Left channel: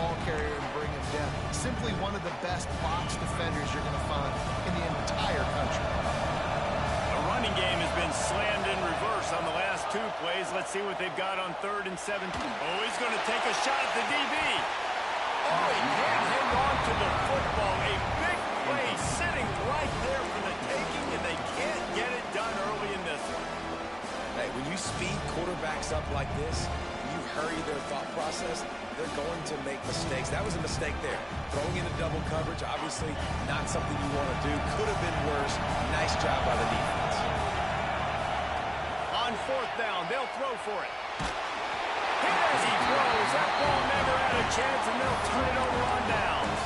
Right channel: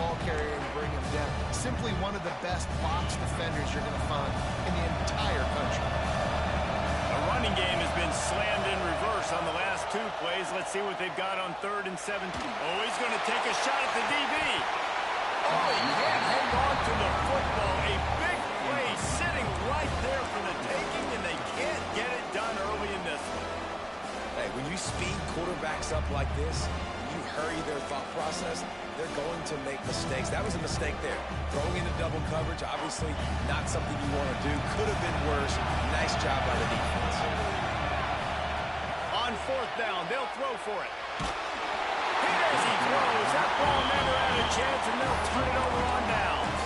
ball carrier and bring him down. Simply one of the best box defenders you're going to find in the entire country. The running game has been slammed in reverse on the last 2 plays. Let's see what they've got on 3rd and 17. Oh, he's going to take a shot at the DB. Oh, he can't hang on to the football. A big play sitting right there for the taking, and they can't get it done early in this one. Hey, when you speed quarterbacks up like this, you hurry their thought process, they're going to make mistakes. That was a mistake there. Throwing into double coverage, obviously not something you want to do. Could have been worse. Nice job by the defense. On 4th down, they'll throw for it. Hit as he throws. That ball never had a chance, and they'll turn it over on downs.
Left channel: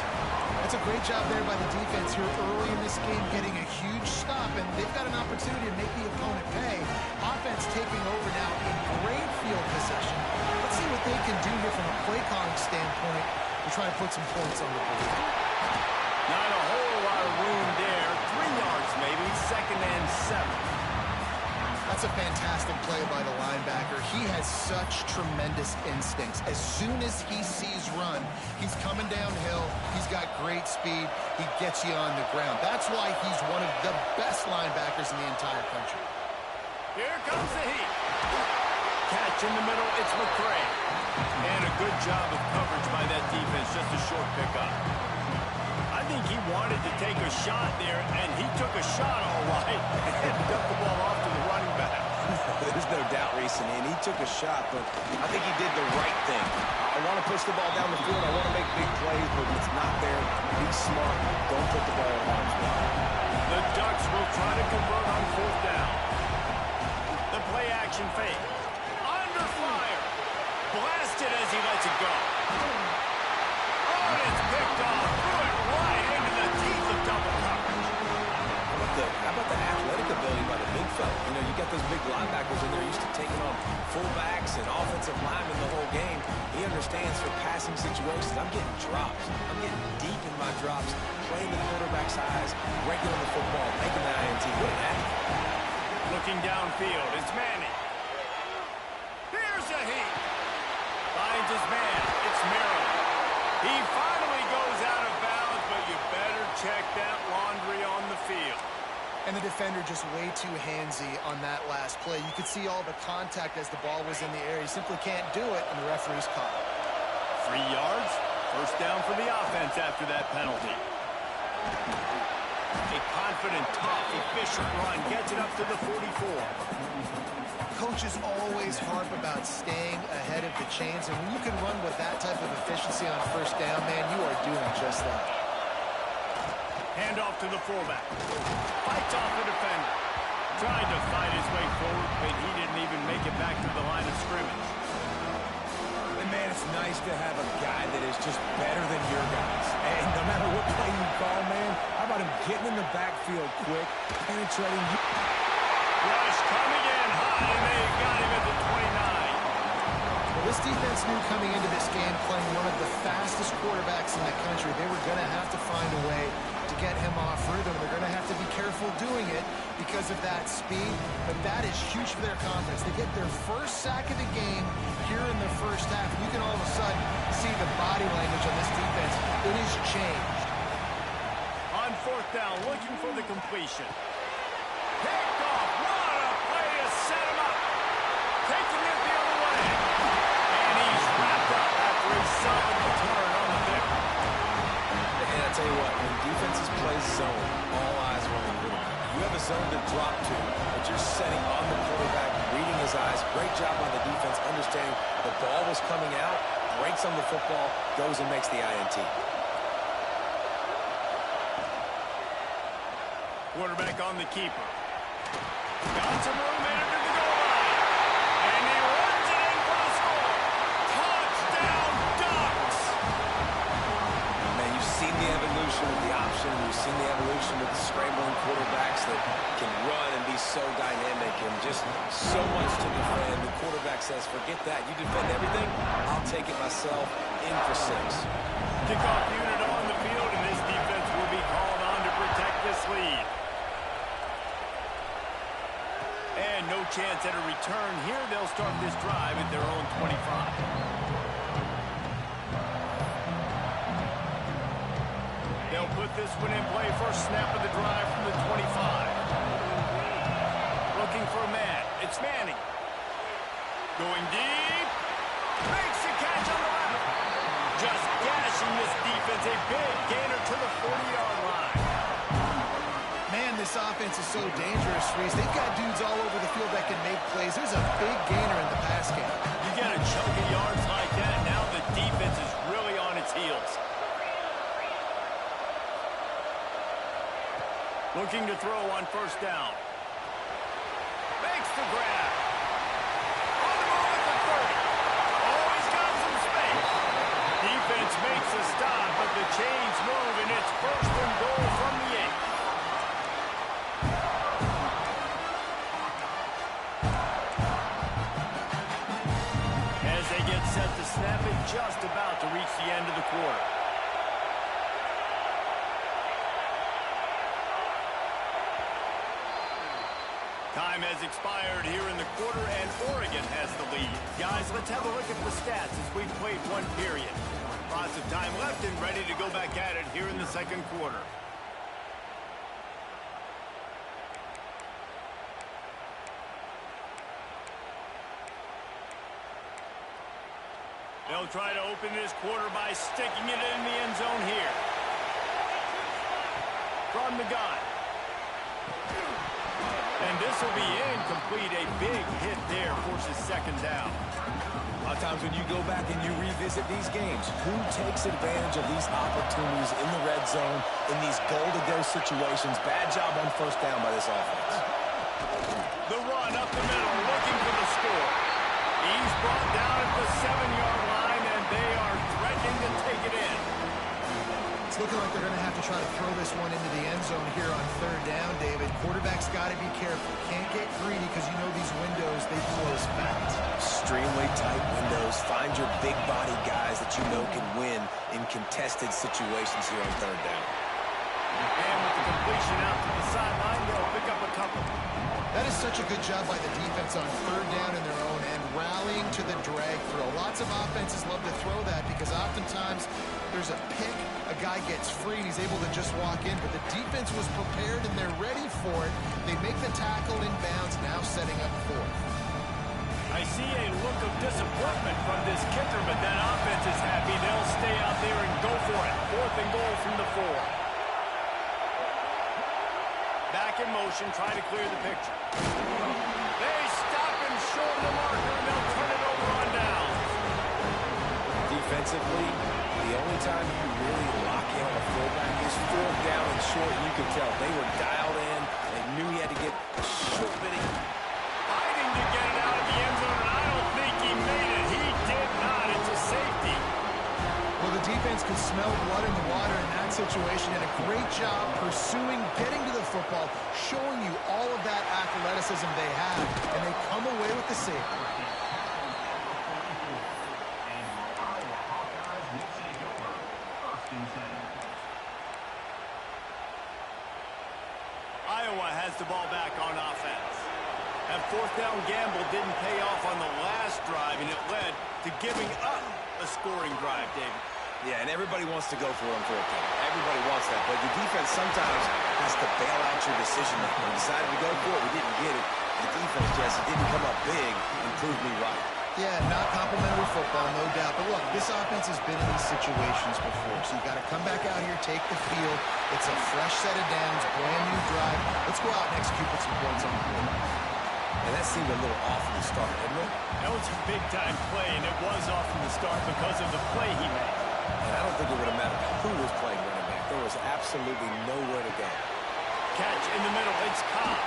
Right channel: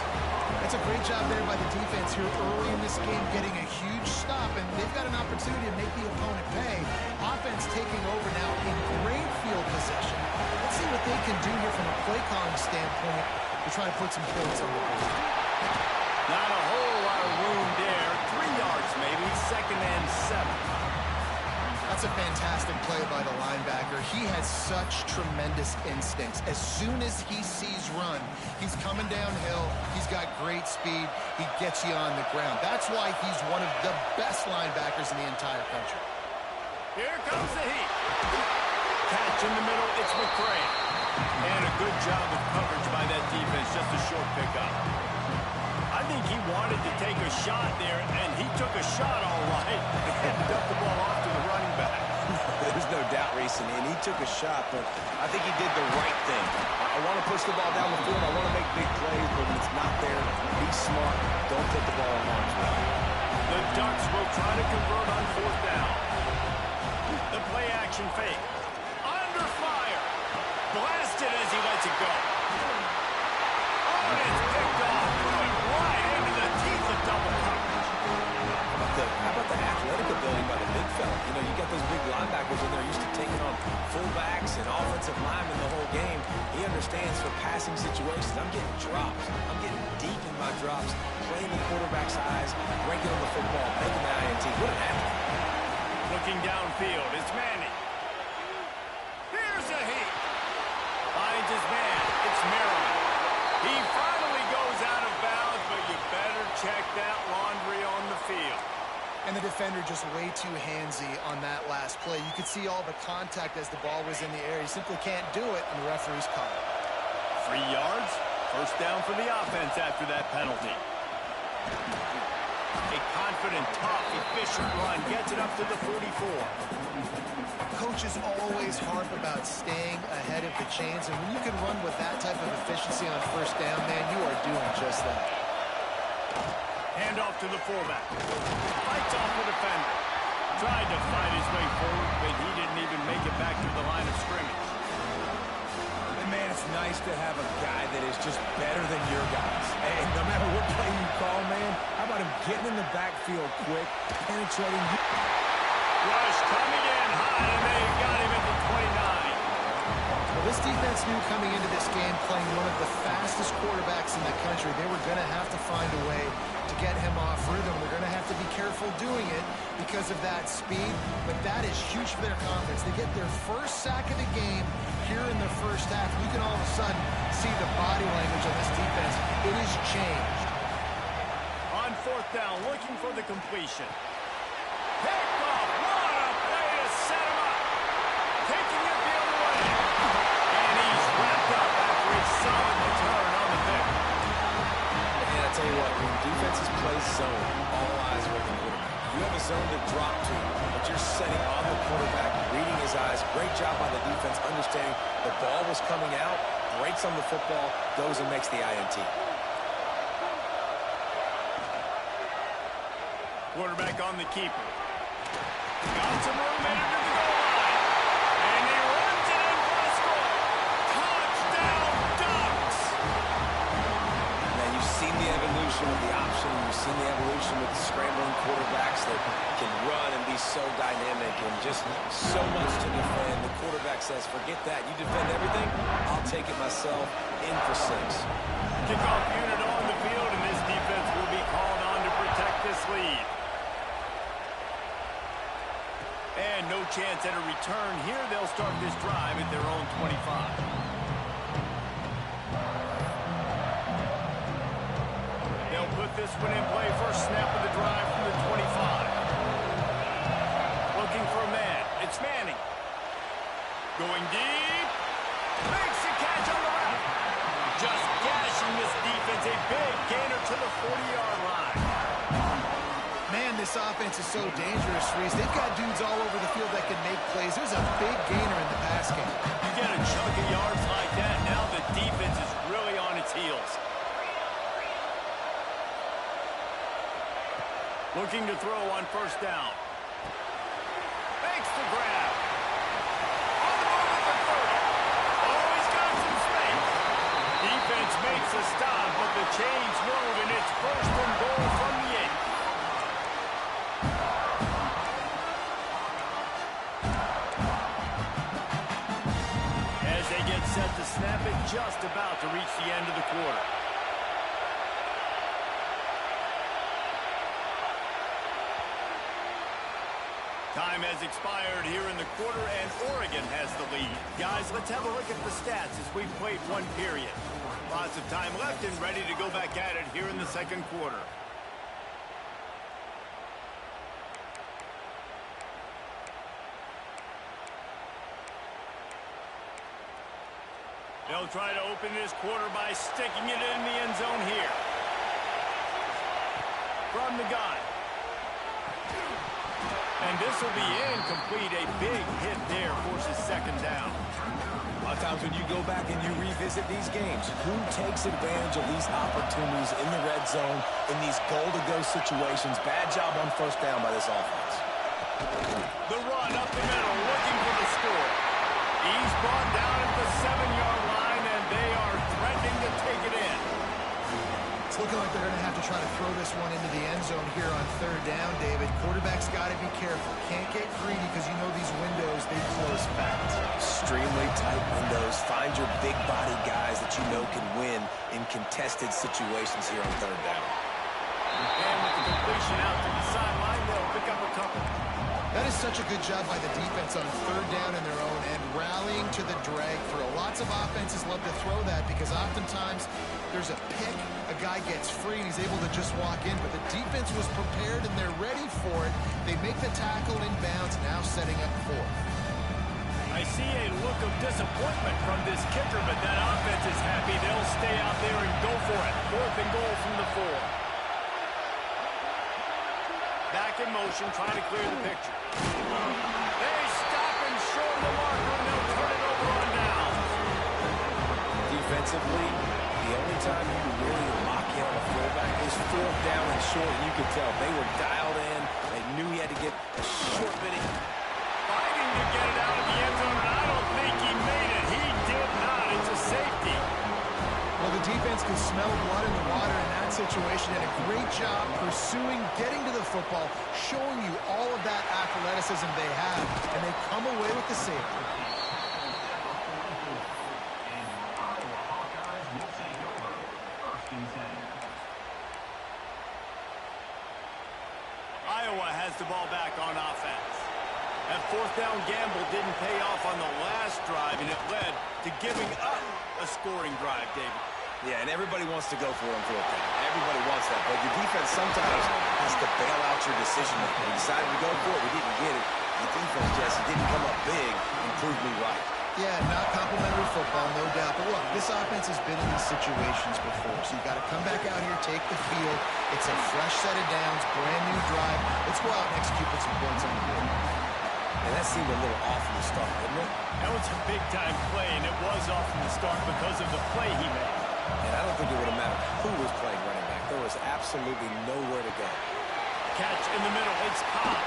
That's a great job there by the defense here early in this game, getting a huge stop, and they've got an opportunity to make the opponent pay. Offense taking over now in great field possession. Let's see what they can do here from a play calling standpoint to try to put some points on the board. Not a whole lot of room there. 3 yards maybe, 2nd and 7. That's a fantastic play by the linebacker. He has such tremendous instincts. As soon as he sees run, he's coming downhill. He's got great speed. He gets you on the ground. That's why he's one of the best linebackers in the entire country. Here comes the heat. Catch in the middle, it's McCray. And a good job of coverage by that defense, just a short pickup. I think he wanted to take a shot there, and he took a shot all right and dumped the ball off to the running back. There's no doubt, Reese, and he took a shot, but I think he did the right thing. I want to push the ball down the field. I want to make big plays, but when it's not there, be smart. Don't put the ball in harm's way. The Ducks will try to convert on 4th down. The play action fake. Under fire. Blasted as he lets it go. Oh, and it's picked off. Threw it right into the teeth of double coverage. How about the athletic ability by the big fella? You know, you got those big linebackers in there used to taking on fullbacks and offensive linemen the whole game. He understands for passing situations. I'm getting drops. I'm getting deep in my drops, playing the quarterback's eyes, breaking on the football, making the INT. What an athlete. Looking downfield, it's Manning. Here's a heat. Finds his man. It's Maryland. He finally goes out of bounds, but you better check that laundry on the field. And the defender just way too handsy on that last play. You could see all the contact as the ball was in the air. He simply can't do it, and the referee's caught it. 3 yards. 1st down for the offense after that penalty. A confident, tough, efficient run gets it up to the 44. Coaches always harp about staying ahead of the chains, and when you can run with that type of efficiency on 1st down, man, you are doing just that. Hand off to the fullback. Fights off the defender. Tried to fight his way forward, but he didn't even make it back to the line of scrimmage. And man, it's nice to have a guy that is just better than your guys. And no matter what play you call, man, how about him getting in the backfield quick, penetrating you? Rush coming in high, and they got him at the 29. Well, this defense knew coming into this game, playing one of the fastest quarterbacks in the country, they were going to have to find a way to get him off rhythm. They're going to have to be careful doing it because of that speed, but that is huge for their confidence. They get their first sack of the game here in the 1st half, and you can all of a sudden see the body language on this defense. It has changed. On 4th down, looking for the completion. Picked off. What a play to set him up. Taking it the other way. And he's wrapped up after a solid return on the pick. And I tell you what, when defenses play zone, all eyes are on the quarterback. You have a zone to drop to, but you're setting on the quarterback, reading his eyes. Great job by the defense, understanding the ball was coming out, breaks on the football, goes and makes the INT. Quarterback on the keeper. Got some room headed to the goal line. And he runs it in for the score. Touchdown, Ducks! Man, you've seen the evolution with the option. You've seen the evolution with the scrambling quarterbacks that can run and be so dynamic and just so much to defend. The quarterback says, forget that. You defend everything, I'll take it myself. In for 6. Kickoff unit on the field, and this defense will be called on to protect this lead. And no chance at a return here. They'll start this drive at their own 25. They'll put this one in play. First snap of the drive from the 25. Looking for a man. It's Manning. Going deep. Makes the catch on the left. Just gashing this defense. A big gainer to the 40-yard line. Man, this offense is so dangerous, Reese. They've got dudes all over the field that can make plays. There's a big gainer in the pass game. You get a chunk of yards like that, now the defense is really on its heels. Looking to throw on first down. Makes the grab. On the move at the 30. Oh, he's got some space. Defense makes a stop, but the chains move, and it's first and goal from the 8. As they get set to snap it, just about to reach the end of the quarter. Time has expired here in the quarter, and Oregon has the lead. Guys, let's have a look at the stats as we've played one period. Lots of time left and ready to go back at it here in the second quarter. They'll try to open this quarter by sticking it in the end zone here. From the gun. And this will be incomplete. A big hit there forces second down. A lot of times when you go back and you revisit these games, who takes advantage of these opportunities in the red zone, in these goal-to-go situations? Bad job on first down by this offense. The run up the middle, looking for the score. He's brought down at the 7-yard line, and they are threatening to take it in. It's looking like they're going to have to try to throw this one into the end zone here on third down, David. Quarterback's got to be careful. Can't get greedy because you know these windows, they close fast. Extremely tight windows. Find your big body guys that you know can win in contested situations here on third down. And with the completion out to the sideline, they'll pick up a couple. That is such a good job by the defense on third down in their own end, rallying to the drag throw. Lots of offenses love to throw that because oftentimes there's a pick, a guy gets free, and he's able to just walk in. But the defense was prepared, and they're ready for it. They make the tackle in bounds, now setting up fourth. I see a look of disappointment from this kicker, but that offense is happy. They'll stay out there and go for it. Fourth and goal from the 4. Back in motion, trying to clear the picture. They stop him short of the marker, and they'll turn it over on downs. Defensively, the only time you really lock in on a fullback is fourth down and short, and you could tell they were dialed in. They knew he had to get a short bit. Fighting to get it out of the end zone, and I don't think he made it. He did not. It's a safety. Well, the defense could smell blood in the water in that situation, and a great job pursuing, getting to the football, showing you all of that athleticism they have, and they come away with the safety. Iowa has the ball back on offense. That fourth down gamble didn't pay off on the last drive, and it led to giving up a scoring drive, David. Yeah, and everybody wants to go for it on fourth down. Everybody wants that, but your defense sometimes has to bail out your decision making. We decided to go for it. We didn't get it. The defense, Jesse, didn't come up big and prove me right. Yeah, not complimentary football, no doubt. But look, this offense has been in these situations before, so you got to come back out here, take the field. It's a fresh set of downs, brand new drive. Let's go out and execute, put some points on the board. And that seemed a little off from the start, didn't it? That was a big-time play, and it was off from the start because of the play he made. And I don't think it would have mattered who was playing running back. There was absolutely nowhere to go. Catch in the middle. It's Cobb.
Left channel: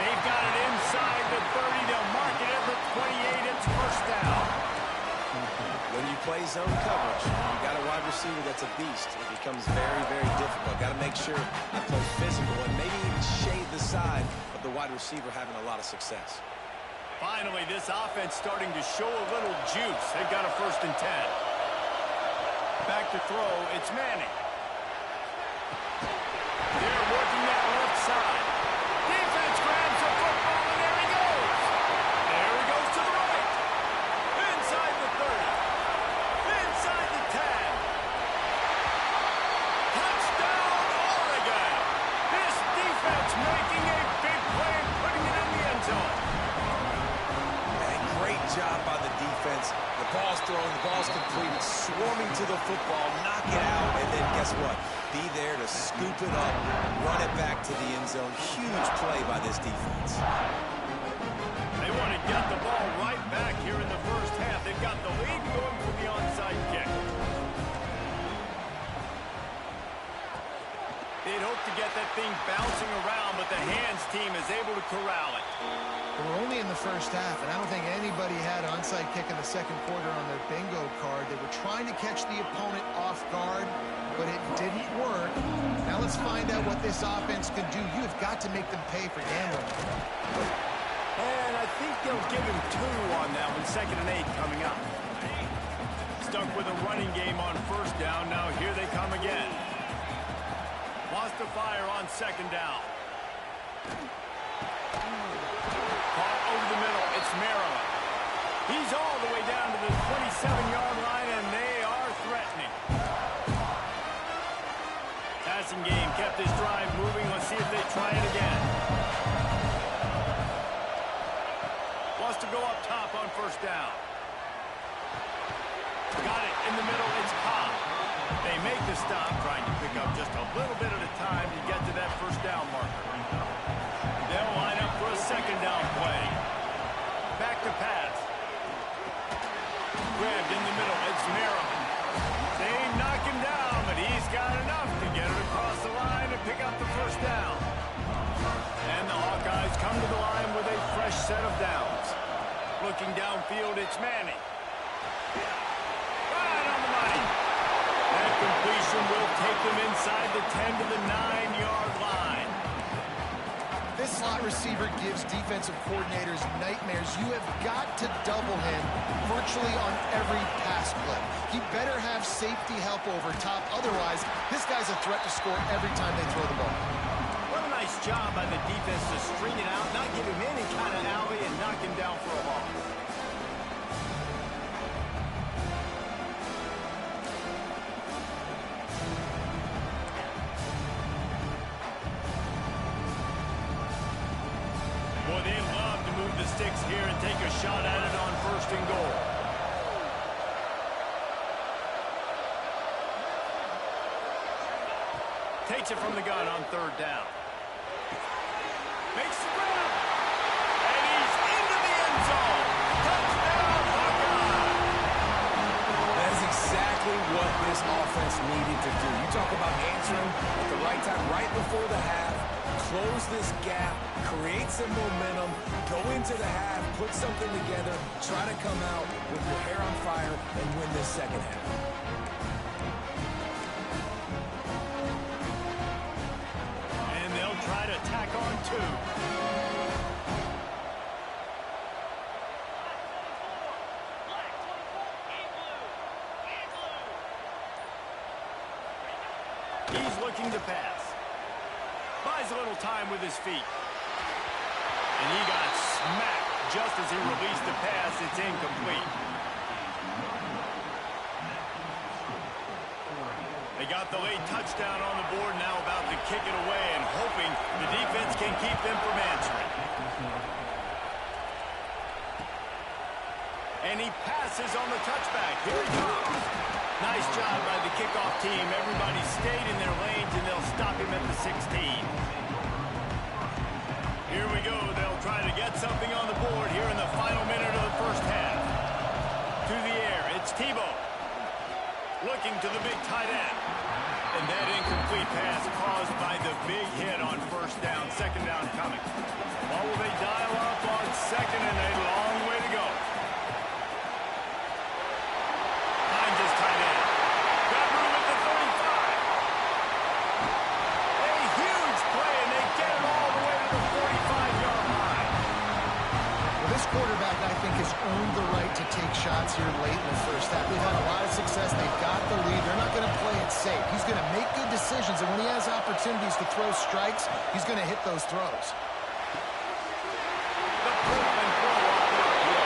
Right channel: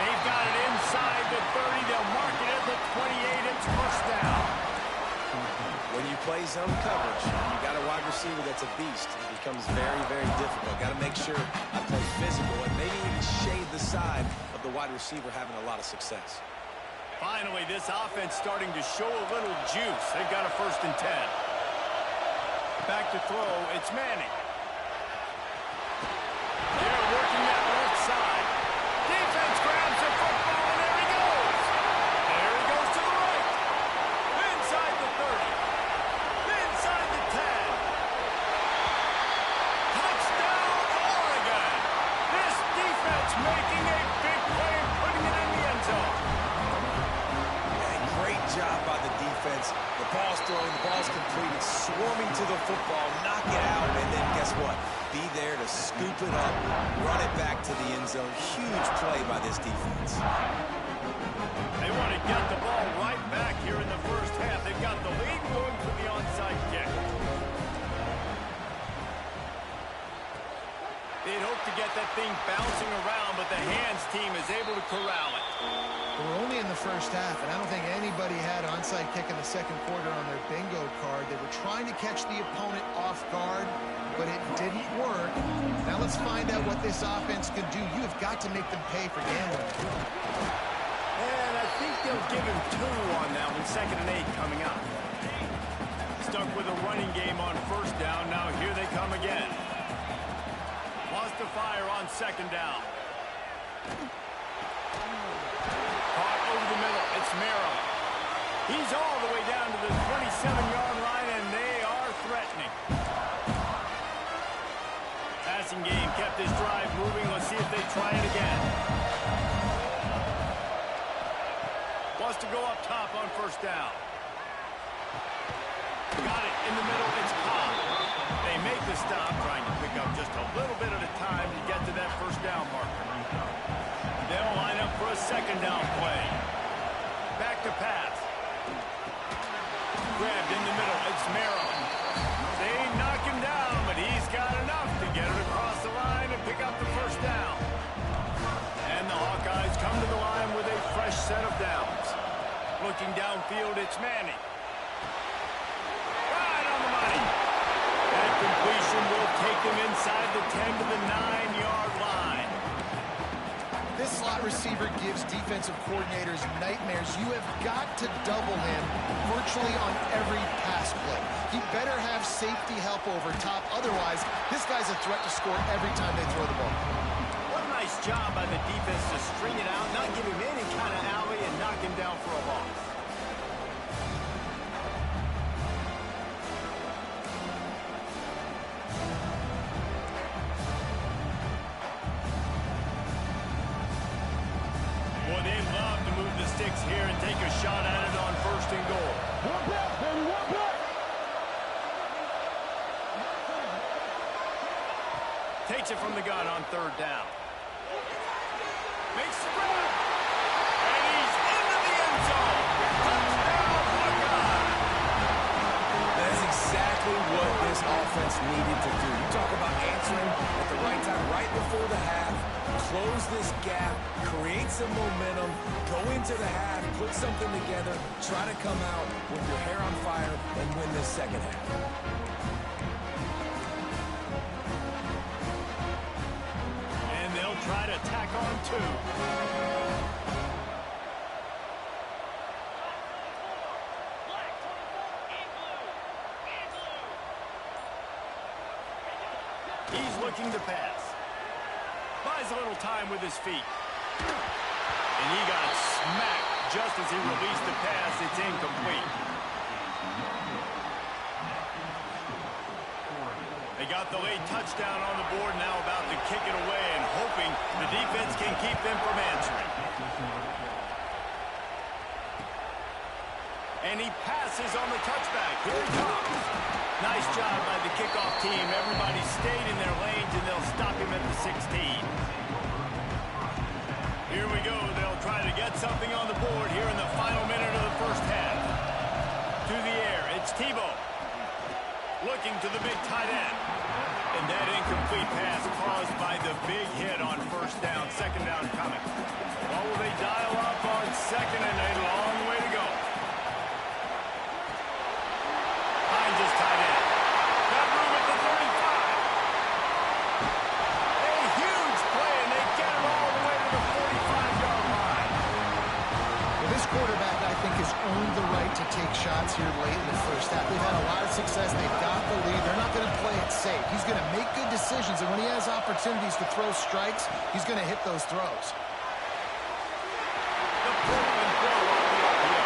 They've got it inside the 30. They'll mark it at the 28. It's first down. When you play zone coverage, and you got a wide receiver that's a beast, it becomes very, very difficult. Got to make sure I play physical and maybe even shade the side of the wide receiver having a lot of success. Finally, this offense starting to show a little juice. They've got a 1st and 10. Back to throw. It's Manning. They're working that left side. Defense grabs the football, and there he goes. There he goes to the right. Inside the 30. Inside the 10. offense. The ball's thrown, the ball's completed, swarming to the football, knock it out, and then guess what? Be there to scoop it up, run it back to the end zone. Huge play by this defense. They want to get the ball right back here in the first half. They've got the lead going for the onside kick. They'd hope to get that thing bouncing around, but the hands team is able to corral it. We're only in the first half, and I don't think anybody had onside kick in the second quarter on their bingo card. They were trying to catch the opponent off guard, but it didn't work. Now let's find out what this offense can do. You have got to make them pay for gambling. And I think they'll give him 2 on that one. 2nd and 8 coming up. Stuck with a running game on first down. Now here they come again. Wants to fire on 2nd down. Caught over the middle. It's Maryland. He's all the way down to the 27-yard line, and they are threatening. Passing game kept this drive moving. Let's see if they try it again. Wants to go up top on first down. Got it in the middle. It's Cobb. They make the stop, trying to pick up just a little bit at a time to get to that first down marker. They'll line up for a 2nd down play. Back to pass. Grabbed in the middle. It's Maryland. They knock him down, but he's got enough to get it across the line and pick up the first down. And the Hawkeyes come to the line with a fresh set of downs. Looking downfield, it's Manning. Right on the money. That completion will take them inside the 10 to the 9-yard line. This slot receiver gives defensive coordinators nightmares. You have got to double him virtually on every pass play. He better have safety help over top. Otherwise, this guy's a threat to score every time they throw the ball. What a nice job by the defense to string it out, not give him any kind of alley, and knock him down for a loss. Boy, they love to move the sticks here and take a shot at it on 1st and goal. Takes it from the gun on 3rd down. Makes the grab. And he's into the end zone. Touchdown, Hawkeye. That is exactly what this offense needed to do. You talk about answering at the right time, right before the half, close this gap, create some momentum, go into the half, put something together, try to come out with your hair on fire and win this second half. And they'll try to tack on 2. He's looking to pass. Buys a little time with his feet. And he got smacked just as he released the pass. It's incomplete. They got the late touchdown on the board, now about to kick it away and hoping the defense can keep them from answering. And he passes on the touchback. Here he comes. Nice job by the kickoff team. Everybody stayed in their lanes, and they'll stop him at the 16. Here we go. They'll try to get something on the board here in the final minute of the first half. To the air, it's Tebow. Looking to the big tight end. And that incomplete pass caused by the big hit on 1st down. 2nd down coming. What will they dial up on 2nd and a long way to go? Hines is tight end. Got room at the 35. A huge play, and they get it all the way to the 45-yard line. Well, this quarterback, I think, has earned the right to take shots here late in the first half. They've had a lot of success. They've got the lead. They're not going to play it safe. He's going to make good decisions, and when he has opportunities to throw strikes, he's going to hit those throws. The Portland throw off the RPO.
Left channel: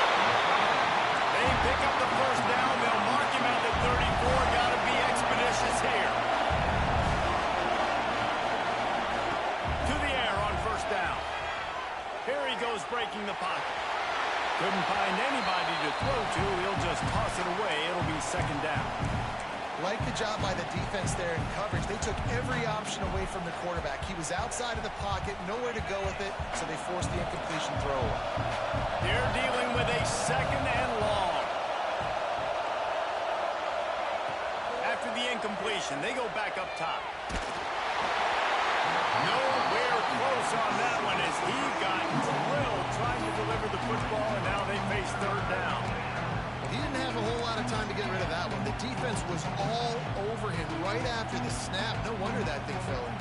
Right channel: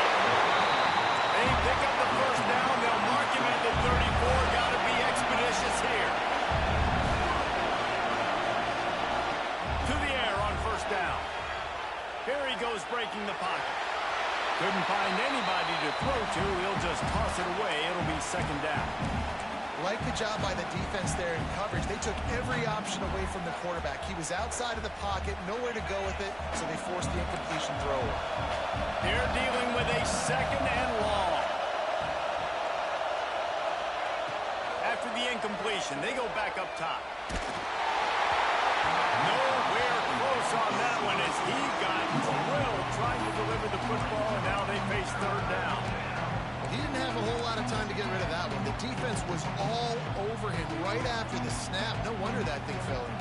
They pick up the first down. They'll mark him at the 34. Got to be expeditious here. To the air on 1st down. Here he goes breaking the pocket. Couldn't find anybody to throw to. He'll just toss it away. It'll be second down. Like the job by the defense there in coverage. They took every option away from the quarterback. He was outside of the pocket, nowhere to go with it, so they forced the incompletion throw. They're dealing with a second and long. After the incompletion, they go back up top. Nowhere close on that one as he got drilled trying to deliver the football, and now they face third down. He didn't have a whole lot of time to get rid of that one. The defense was all over him right after the snap. No wonder that thing fell in.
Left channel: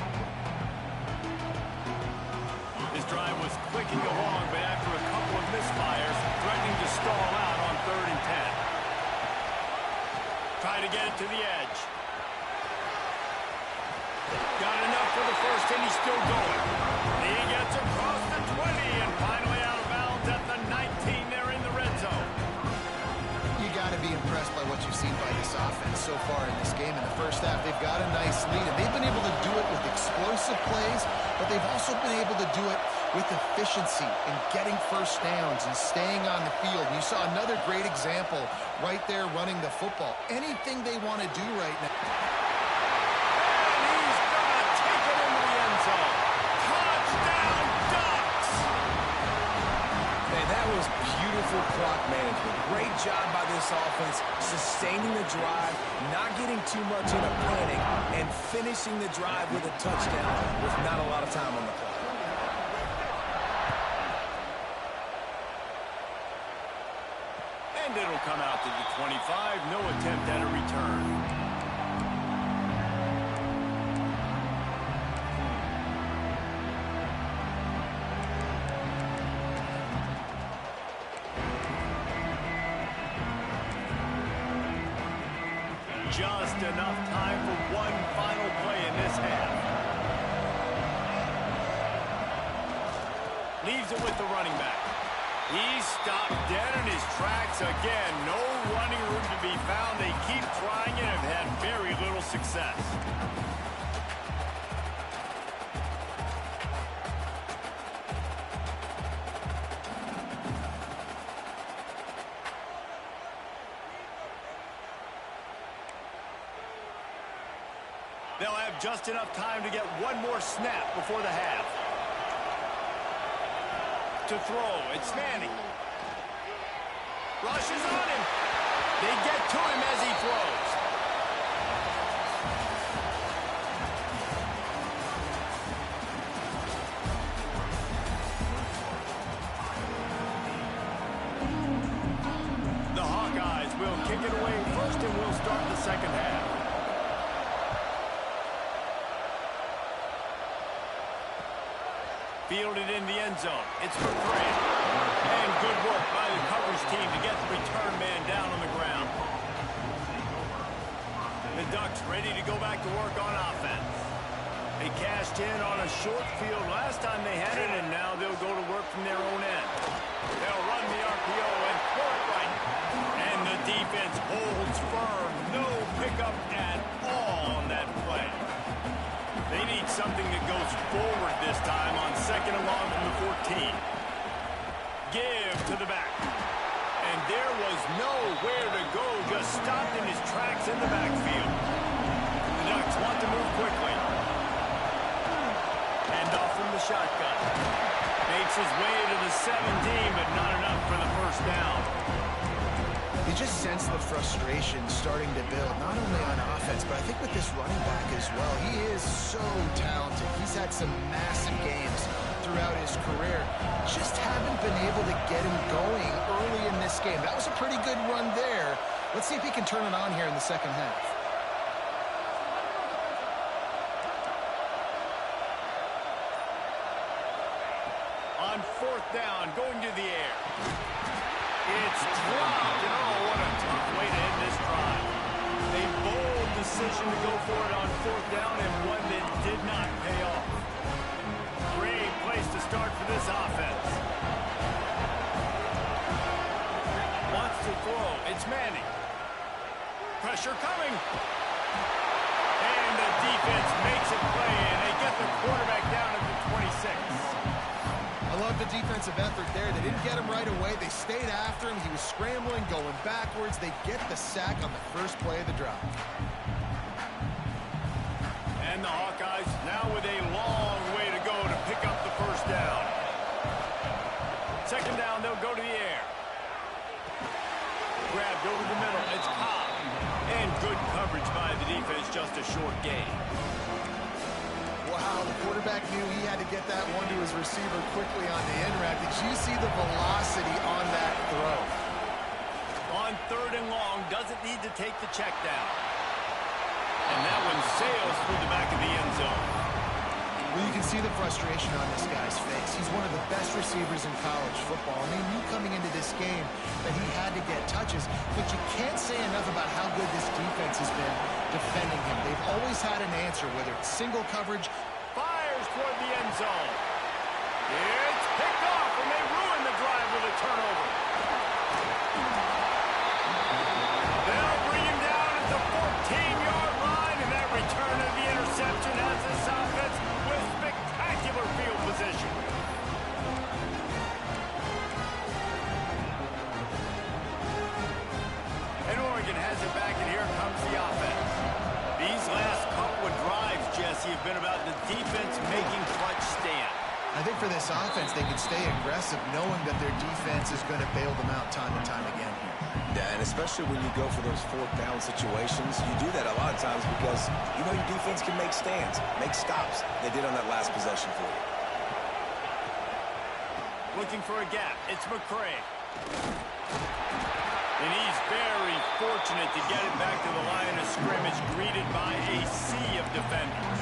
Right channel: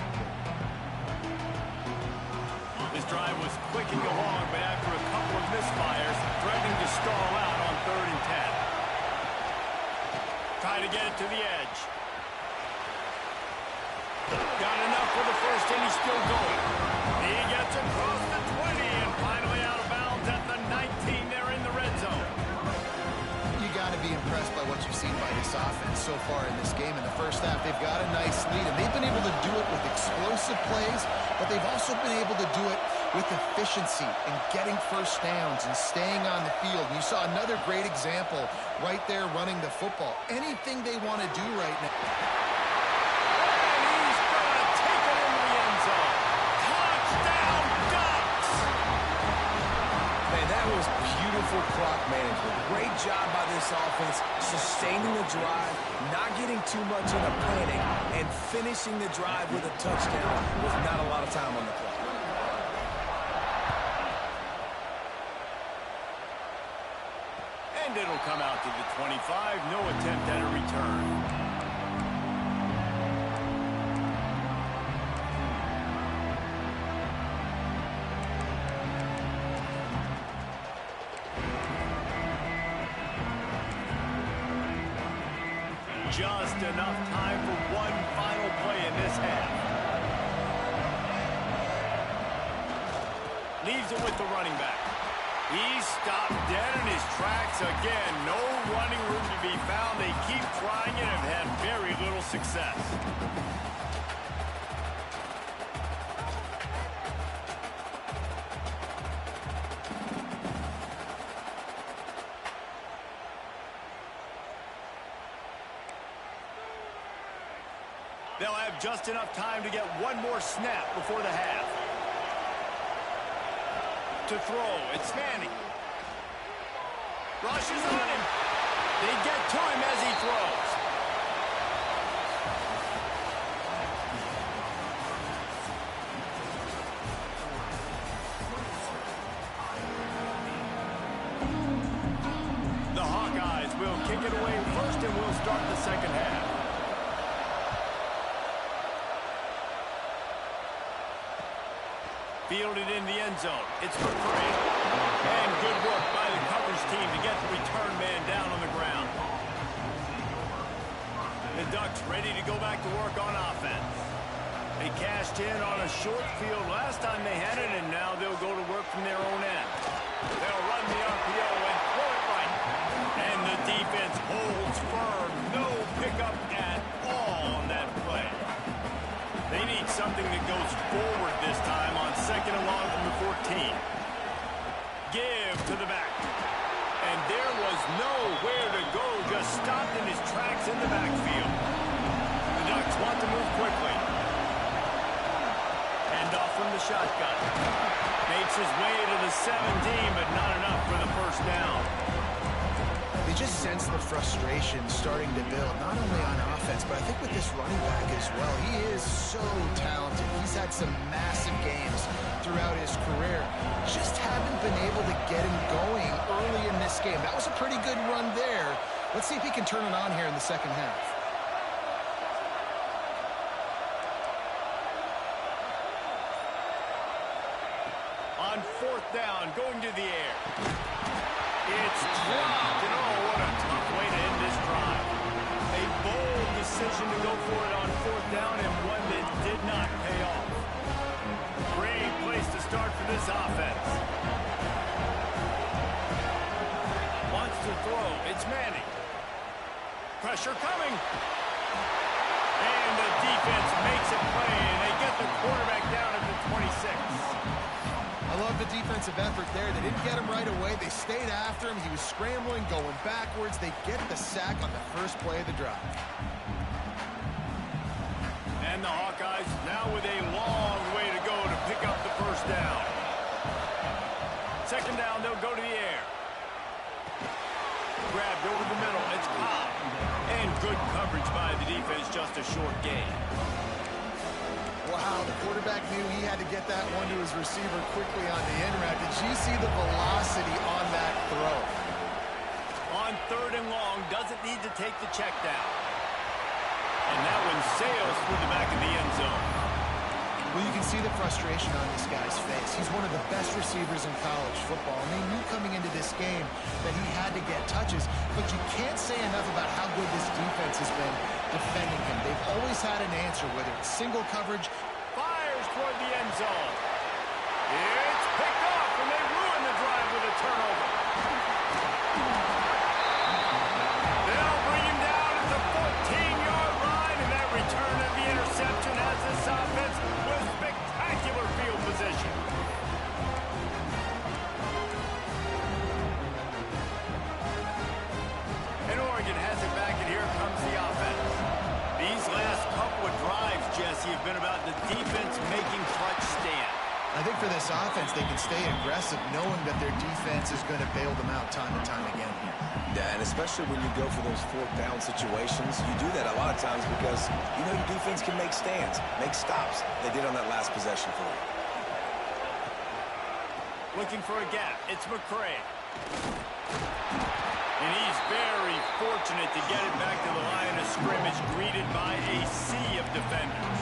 This drive was clicking along, but after a couple of misfires, threatening to stall out on 3rd and 10. Try to get it to the edge. Got enough for the first, and he's still going. He gets across the 20 and finally out of bounds at the 19 there in the red zone. You got to be impressed by what you've seen by this offense so far in this game. In the first half, they've got a nice lead, and they've been able to do it with explosive plays, but they've also been able to do it with efficiency and getting first downs and staying on the field. And you saw another great example right there running the football. Anything they want to do right now. And he's going to take it into the end zone. Touchdown, Ducks! Man, that was beautiful clock management. Great job by this offense, sustaining the drive, not getting too much in a panic, and finishing the drive with a touchdown with not a lot of time on the clock. And it'll come out to the 25. No attempt at a return. Just enough time for one final play in this half. Leaves it with the running back. He's stopped dead in his tracks again. No running room to be found. They keep trying it and have had very little success. They'll have just enough time to get one more snap before the half. To throw, it's Manning. Rushes on him. They get to him as he throws. The Hawkeyes will kick it away first, and we'll start the second half. Fielded in the end zone. It's McCray. And good work by the coverage team to get the return man down on the ground. The Ducks ready to go back to work on offense. They cashed in on a short field last time they had it, and now they'll go to work from their own end. They'll run the RPO and throw it right. And the defense holds firm. No pickup at all on that play. They need something that goes forward this time on second and long from the 14. Give to the back. And there was nowhere to go, just stopped in his tracks in the backfield. The Ducks want to move quickly. Hand off from the shotgun. Makes his way to the 17, but not enough for the first down. You just sense the frustration starting to build, not only on offense, but I think with this running back as well. He is so talented. He's had some massive games throughout his career. Just haven't been able to get him going early in this game. That was a pretty good run there. Let's see if he can turn it on here in the second half. On fourth down, going to the air. It's dropped, and oh, what a tough way to end this drive. A bold decision to go for it on fourth down, and one that did not pay off. Great place to start for this offense. Wants to throw. It's Manning. Pressure coming. And the defense makes a play, and they get the quarterback down at the 26. I love the defensive effort there. They didn't get him right away. They stayed after him. He was scrambling, going backwards. They get the sack on the first play of the drive. And the Hawkeyes now with a long way to go to pick up the first down. Second down, they'll go to the air. Grabbed over the middle. It's Cobb. And good coverage by the defense, just a short gain. Wow, the quarterback knew he had to get that one to his receiver quickly on the in route. Did you see the velocity on that throw? On third and long, doesn't need to take the check down. And that one sails through the back of the end zone. Well, you can see the frustration on this guy's face. He's one of the best receivers in college football, and they knew coming into this game that he had to get touches, but you can't say enough about how good this defense has been defending him. They've always had an answer, whether it's single coverage. Fires toward the end zone. It's picked off, and they ruin the drive with a turnover. They'll bring him down at the 14-yard line, and that return of the interception has this offense with spectacular field position. And Oregon has it back, and here comes the offense. These last couple of drives, Jesse, have been about the defense making clutch stand. I think for this offense, they can stay aggressive knowing that their defense is going to bail them out time and time again here. Yeah, and especially when you go for those fourth down situations, you do that a lot of times because you know your defense can make stands, make stops. They did on that last possession for you. Looking for a gap. It's McCray. And he's very fortunate to get it back to the line of scrimmage, greeted by a sea of defenders.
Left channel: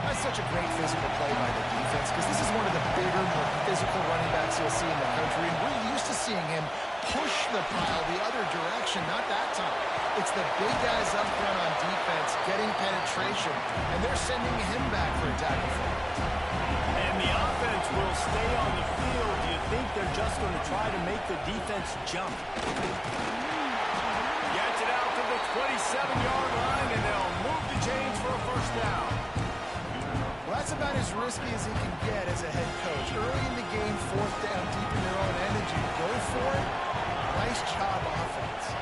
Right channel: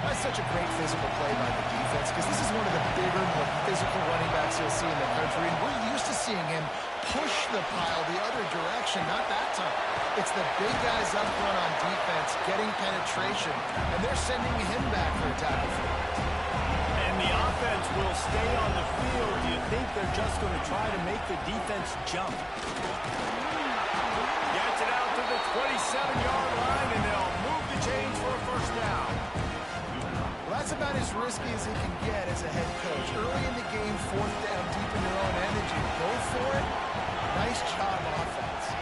That's such a great physical play by the defense because this is one of the bigger, more physical running backs you'll see in the country, and we're used to seeing him push the pile the other direction. Not that time. It's the big guys up front on defense getting penetration, and they're sending him back for a tackle for it. And the offense will stay on the field. Do you think they're just going to try to make the defense jump? Gets it out to the 27-yard line, and they'll move the chains for a first down. Well, that's about as risky as he can get as a head coach. Early in the game, fourth down, deep in your own end, and you go for it. Nice job, offense.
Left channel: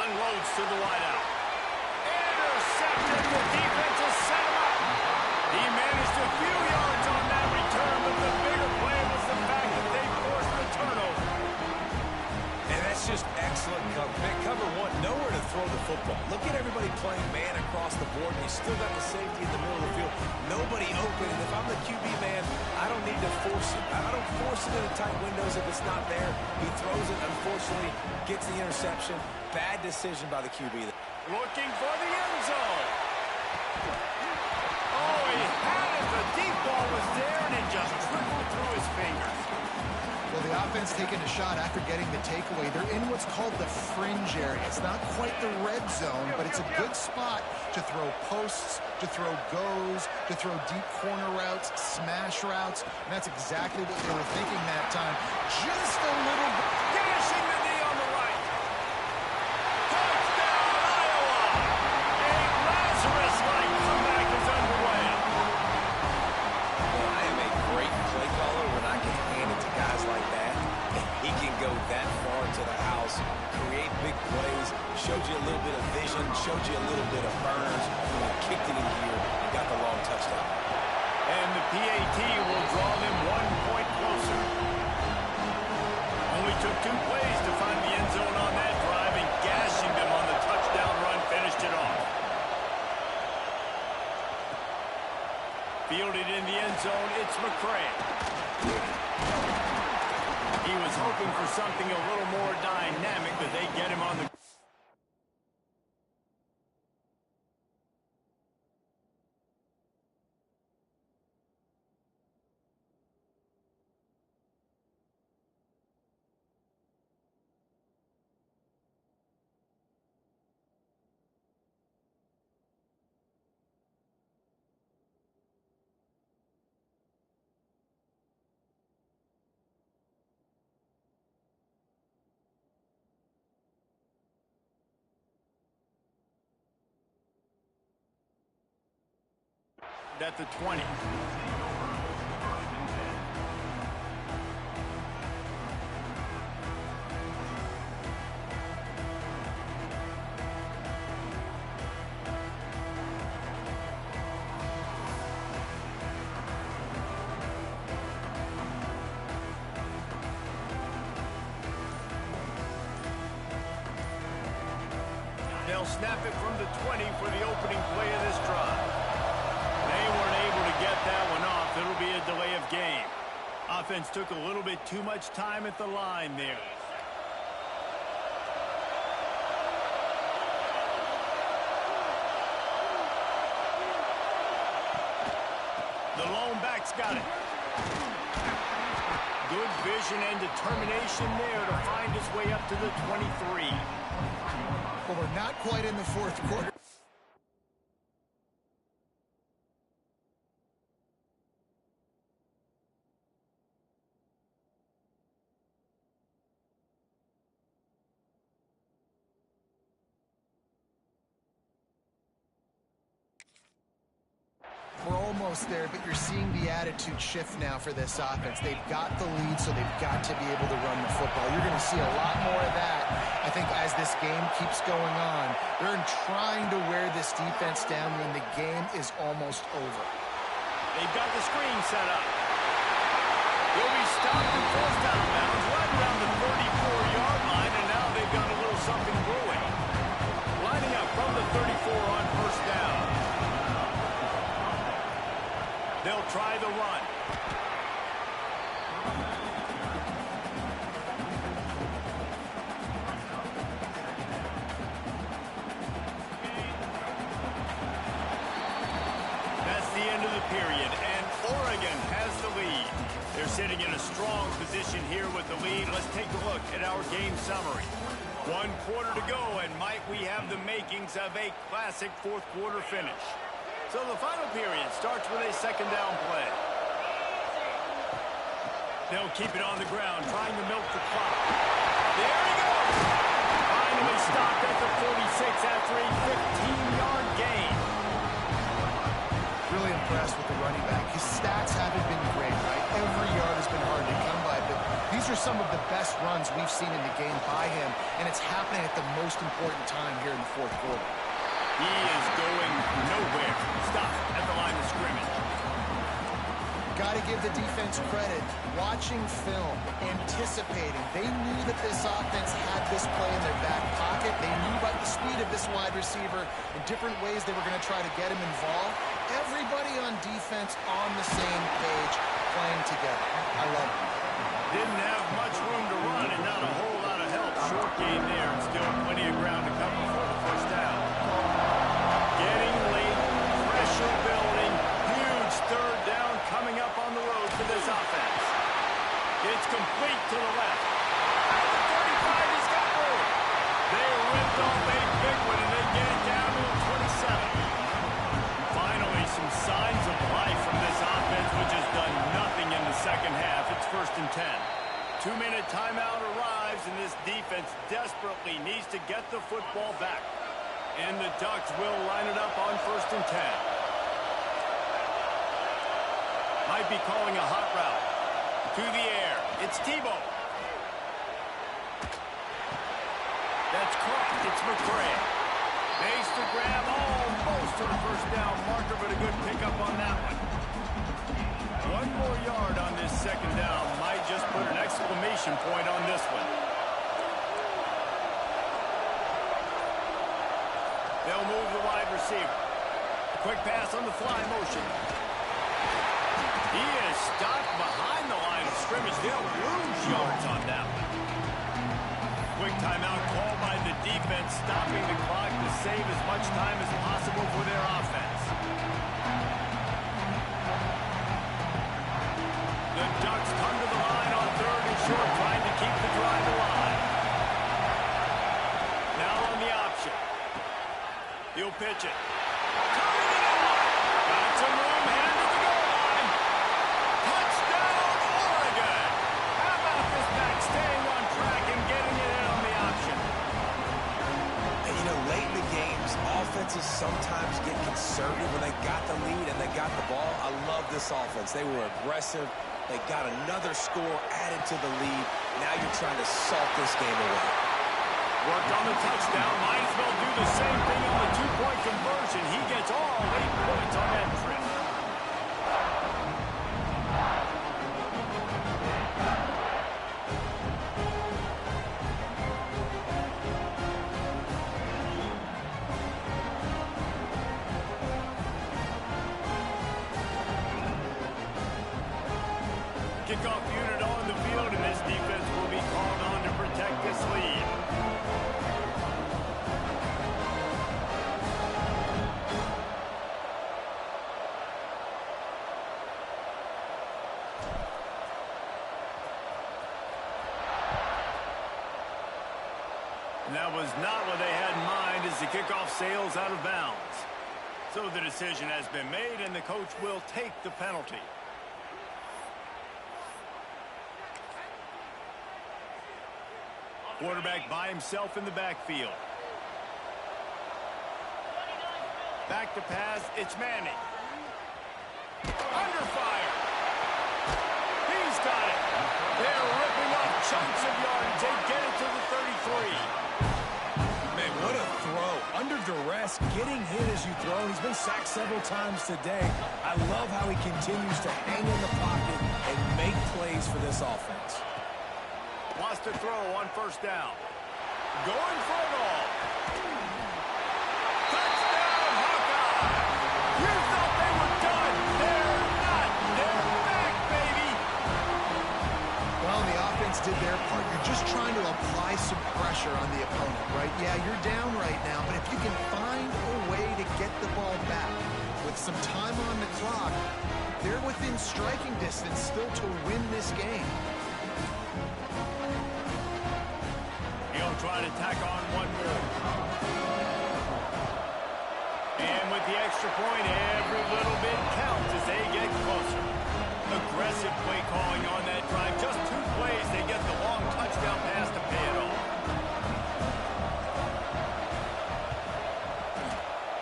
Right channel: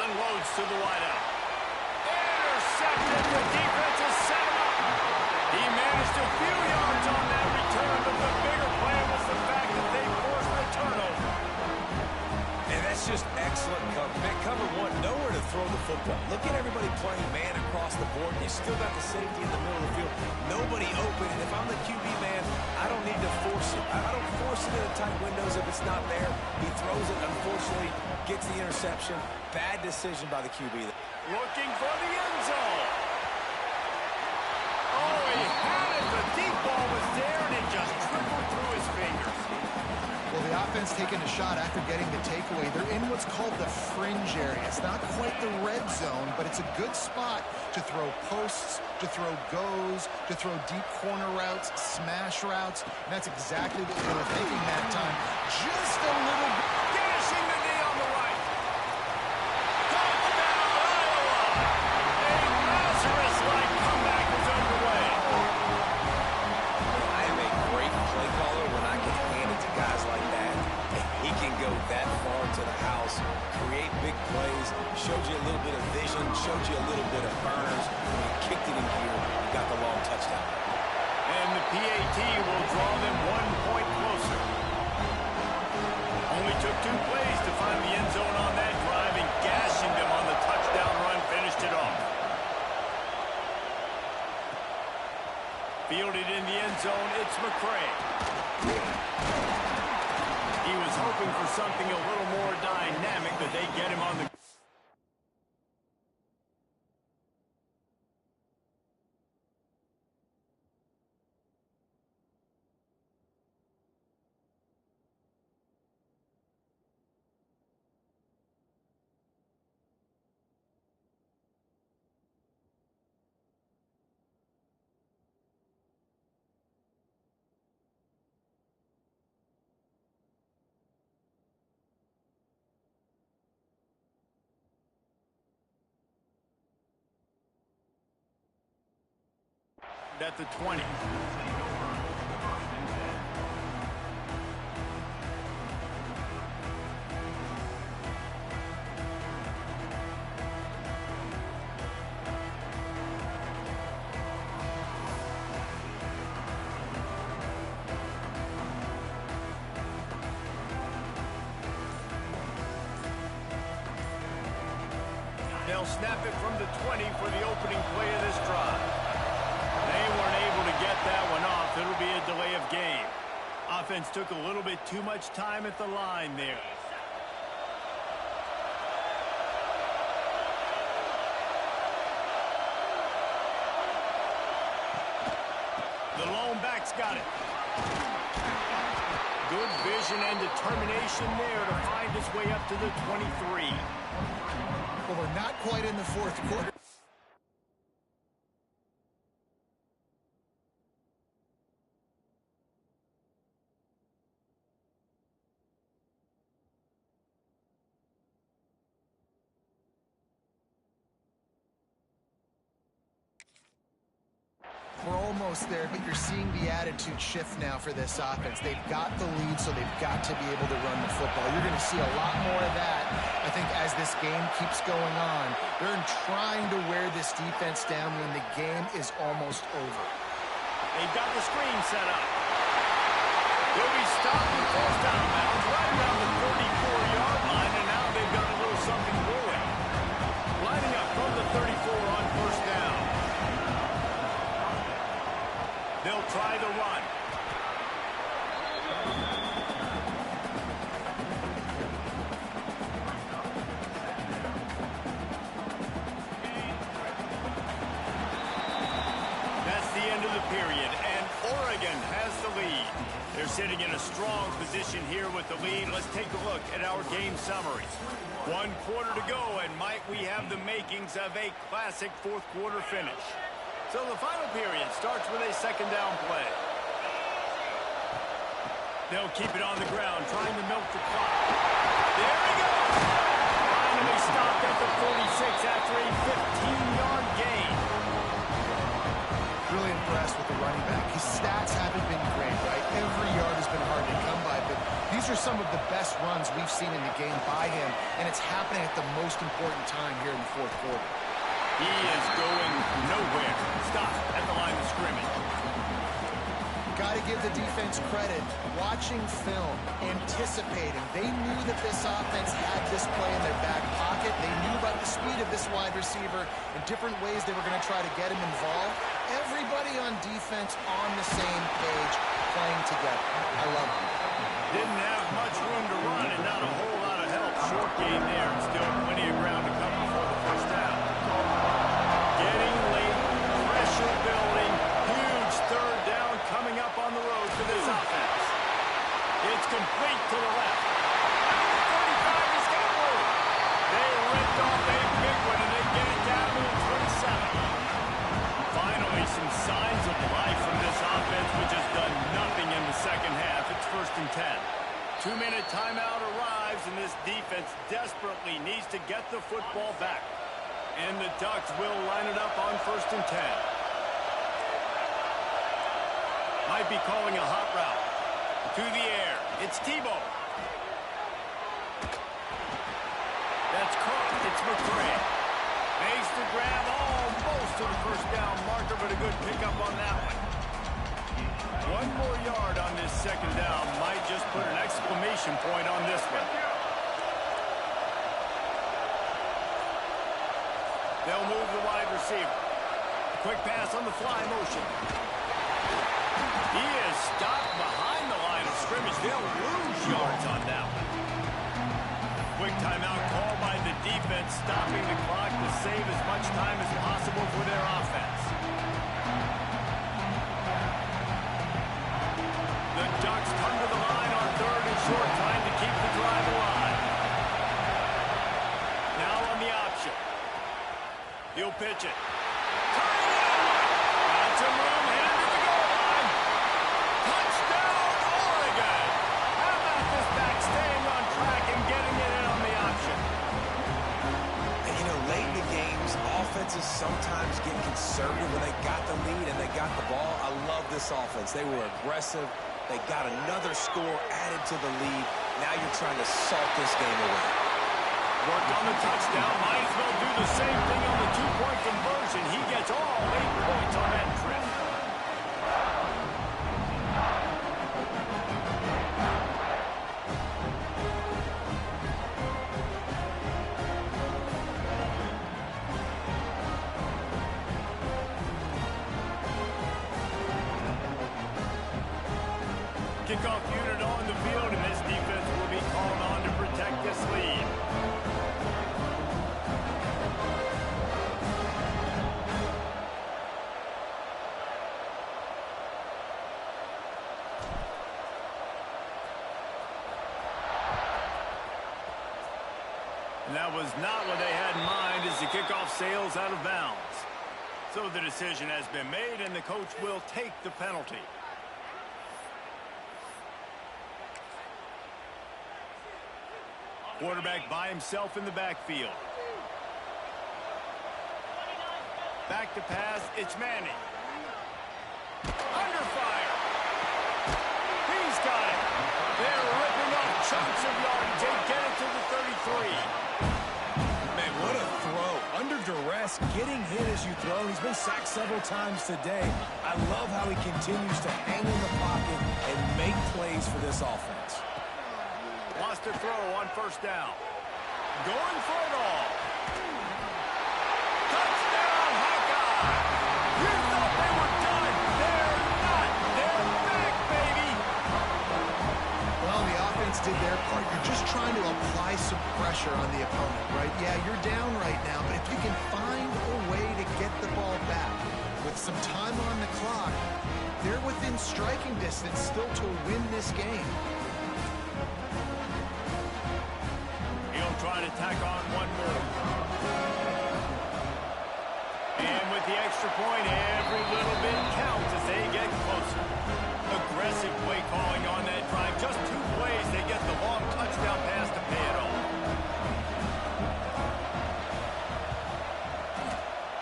Unloads to the wideout. Intercepted. The defense has set him up. He managed a few yards on that return, but the bigger play was the fact that they forced the turnover. And that's just excellent cover. Man, cover one, nowhere to throw the football. Look at everybody playing man across the board. You still got the safety in the middle of the field. Nobody open. And if I'm the QB man, I don't need to force it. I don't force it into tight windows if it's not there. He throws it, unfortunately, gets the interception. Bad decision by the QB. Looking for the end zone. Oh, he had it. The deep ball was there, and it just trickled through his fingers. Well, the offense taking a shot after getting the takeaway. They're in what's called the fringe area. It's not quite the red zone, but it's a good spot to throw posts, to throw goes, to throw deep corner routes, smash routes. And that's exactly what they were thinking that time. Just a little bit. Gashing the knee on the right. Touchdown, Iowa! A Lazarus-like comeback is underway. Well, I am a great play caller when I can hand it to guys like that. He can go that far to the house, create big plays, showed you a little bit of vision, showed you a little bit of burners, and he kicked it in gear and got the long touchdown. And the PAT will draw them 1 point closer. Only took 2 plays to find the end zone on that drive, and gashing them on the touchdown run finished it off. Fielded in the end zone, it's McCray. He was hoping for something a little more dynamic, but they get him on the... At the 20. They'll snap it from the 20 for the opening play of this drive. They weren't able to get that one off. It'll be a delay of game. Offense took a little bit too much time at the line there. The lone back's got it. Good vision and determination there to find his way up to the 23. Well, we're not quite in the fourth quarter. We're almost there, but you're seeing the attitude shift now for this offense. They've got the lead, so they've got to be able to run the football. You're going to see a lot more of that, I think, as this game keeps going on. They're trying to wear this defense down when the game is almost over. They've got the screen set up. They'll be stopped and forced out of bounds right around the 34-yard line, and now they've got a little something brewing. Lining up from the 34 on first down. They'll try the run. That's the end of the period, and Oregon has the lead. They're sitting in a strong position here with the lead. Let's take a look at our game summary. 1 quarter to go, and might we have the makings of a classic fourth quarter finish. So the final period starts with a second down play. They'll keep it on the ground, trying to milk the clock. There he goes! Finally stopped at the 46 after a 15-yard gain. Really impressed with the running back. His stats haven't been great, right? Every yard has been hard to come by, but these are some of the best runs we've seen in the game by him, and it's happening at the most important time here in the fourth quarter. He is going nowhere. Stop at the line of scrimmage. Got to give the defense credit. Watching film, anticipating. They knew that this offense had this play in their back pocket. They knew about the speed of this wide receiver and different ways they were going to try to get him involved. Everybody on defense on the same page, playing together. I love it. Didn't have much room to run and not a whole lot of help. Short game there and still plenty of ground to cover for the first down. Getting late, pressure building, huge third down coming up on the road for this offense. It's complete to the left. At the 35, he's got room. They ripped off a big one, and they get it down to the 27. Finally, some signs of life from this offense, which has done nothing in the second half. It's 1st and 10. 2-minute timeout arrives, and this defense desperately needs to get the football back. And the Ducks will line it up on 1st and 10. Might be calling a hot route. To the air. It's Tebow. That's caught. It's McCray. Makes the grab almost to the first down marker, but a good pickup on that one. 1 more yard on this second down. Might just put an exclamation point on this one. They'll move the wide receiver. A quick pass on the fly motion. He is stopped behind the line of scrimmage. They'll lose yards on that one. Quick timeout call by the defense, stopping the clock to save as much time as possible for their offense. The Ducks come to the line on 3rd and short, trying to keep the drive alive. Now on the option. He'll pitch it. Turning it on. Got some room, headed to the goal line. Touchdown, Oregon. How about this back staying on track and getting it in on the option? And, you know, late in the games, offenses sometimes get conservative when they got the lead and they got the ball. I love this offense. They were aggressive. They got another score added to the lead. Now you're trying to salt this game away. Worked on the touchdown. Might as well do the same thing on the 2-point conversion. He gets all 8 points on that trip. kickoff unit on the field, and this defense will be called on to protect this lead. And that was not what they had in mind as the kickoff sails out of bounds. So the decision has been made, and the coach will take the penalty. Quarterback by himself in the backfield. Back to pass, it's Manning. Under fire. He's got it. They're ripping off chunks of yardage. They get it to the 33. Man, what a throw. Under duress, getting hit as you throw. He's been sacked several times today. I love how he continues to hang in the pocket and make plays for this offense. Wants to throw on first down. Going for it all. Touchdown, Hawkeye! You thought they were done. They're not. They're back, baby. Well, the offense did their part. You're just trying to apply some pressure on the opponent, right? Yeah, you're down right now, but if you can find a way to get the ball back with some time on the clock, they're within striking distance still to win this game. He'll try to tack on one more. And with the extra point, every little bit counts as they get closer. Aggressive play calling on that drive. Just 2 plays, they get the long touchdown pass to pay it off.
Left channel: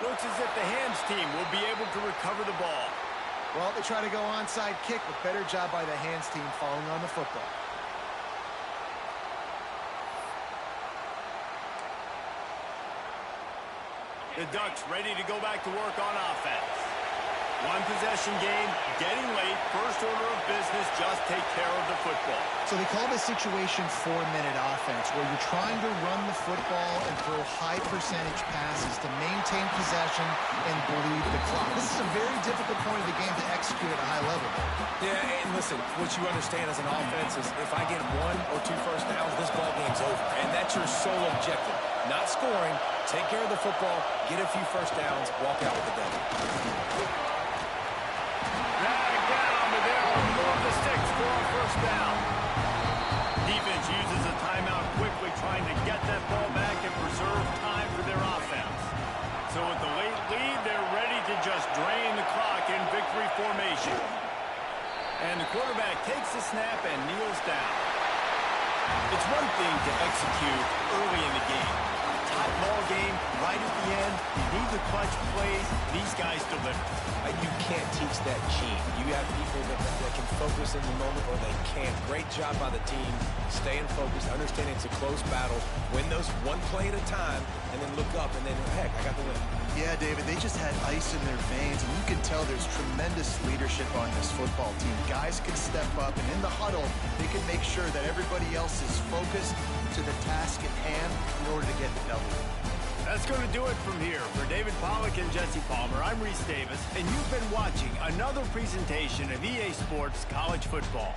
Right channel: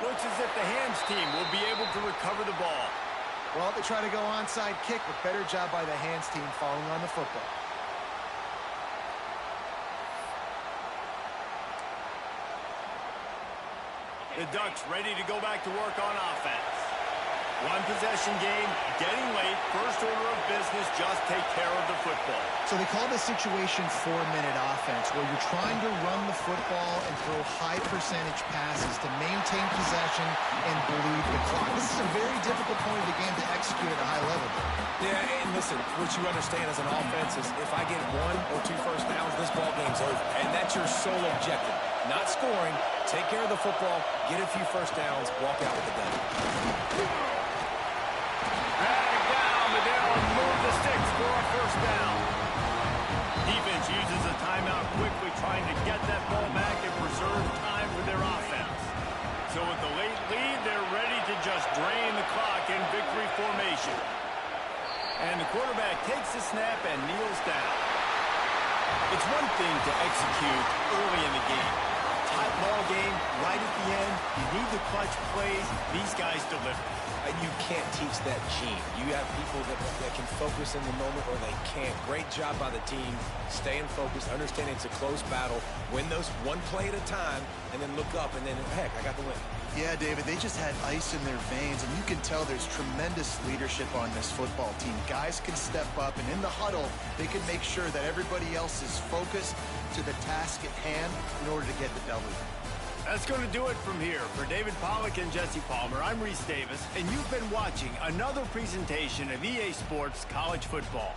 Looks as if the hands team will be able to recover the ball. Well, they try to go onside kick, but better job by the hands team falling on the football. The Ducks ready to go back to work on offense. 1 possession game, getting late. First order of business, just take care of the football. So they call this situation 4-minute offense, where you're trying to run the football and throw high percentage passes to maintain possession and bleed the clock. This is a very difficult point of the game to execute at a high level. Yeah, and listen, what you understand as an offense is if I get 1 or 2 first downs, this ball game's over. And that's your sole objective. Not scoring, take care of the football, get a few first downs, walk out with the W. Drag down, but they'll move the sticks for a first down. Defense uses a timeout quickly, trying to get that ball back and preserve time for their offense. So with the late lead, they're ready to just drain the clock in victory formation. And the quarterback takes the snap and kneels down. It's one thing to execute early in the game. Tight ball game, right at the end. You need the clutch plays. These guys deliver. You can't teach that gene. You have people that can focus in the moment or they can't. Great job by the team, staying focused, understanding it's a close battle, win those 1 play at a time, and then look up, and then, heck, I got the win. Yeah, David, they just had ice in their veins, and you can tell there's tremendous leadership on this football team. Guys can step up, and in the huddle, they can make sure that everybody else is focused to the task at hand in order to get the W. That's going to do it from here. For David Pollack and Jesse Palmer, I'm Reese Davis, and you've been watching another presentation of EA Sports College Football.